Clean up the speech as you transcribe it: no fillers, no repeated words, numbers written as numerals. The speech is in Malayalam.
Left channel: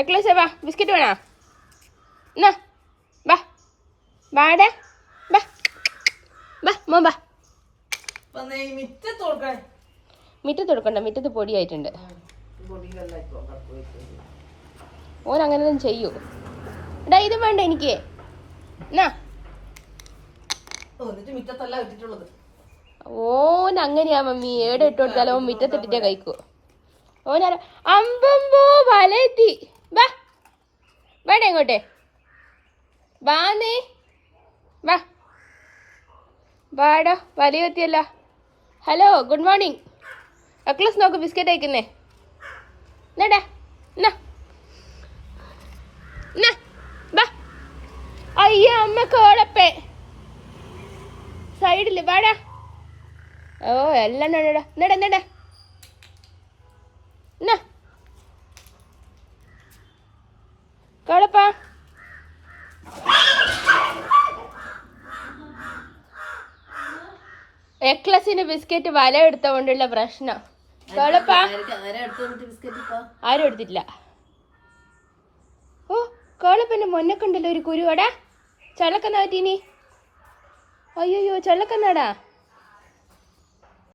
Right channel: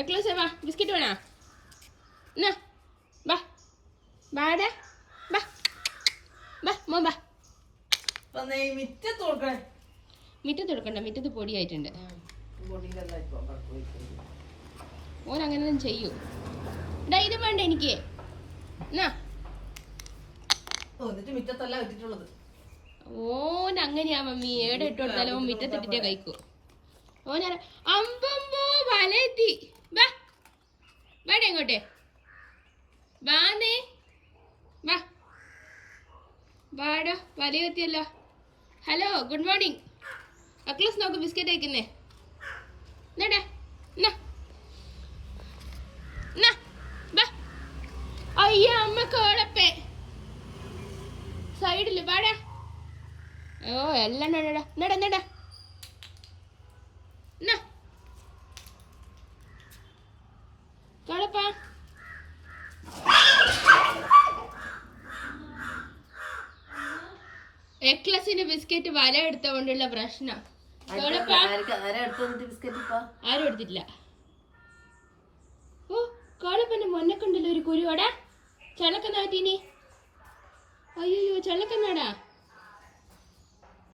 എക്ലസ് വാ, ബിസ്ക്കറ്റ് വേണോ? എന്നാ വാ, വാടാ, വാ വാ മോൻ വാ. മുറ്റത്ത് കൊടുക്കണ്ട, മുറ്റത്ത് പൊടിയായിട്ടുണ്ട്. ഓൻ അങ്ങനെയൊന്നും ചെയ്യൂ. എടാ ഇത് വേണ്ട എനിക്ക്. എന്നാ ഓൻ അങ്ങനെയാ മമ്മി, ഏടെ ഇട്ട് കൊടുത്താലും ഓൻ മുറ്റത്തിട്ടിട്ടേ കഴിക്കൂ. ഓനാര അമ്പമ്പോ വലയെത്തി. വാ വേണ്ട ഇങ്ങോട്ടെ വാന്നേ, വാ വാടാ, വലയെത്തിയല്ല. Hello, good morning. അക്ലസ് നോക്ക്, ബിസ്ക്കറ്റ് അയക്കുന്നേ. എന്നാടാ, എന്നാ എന്നാ വാ. അയ്യ അമ്മ കോടപ്പേ സൈഡില് വാടാ. ഓ എല്ലാം എന്നടാ എന്നടാ എന്നാ കോടപ്പാ. എക്ലസിന് ബിസ്ക്കറ്റ് വല എടുത്തോണ്ടുള്ള പ്രശ്നം. കോടപ്പാ ആരും എടുത്തിട്ടില്ല. ഓ കോളപ്പന്റെ മൊന്നക്കുണ്ടല്ലോ ഒരു കുരുവടാ. ചള്ളക്കന്നാ പറ്റീനി. അയ്യോ ചള്ളക്കന്നാടാ.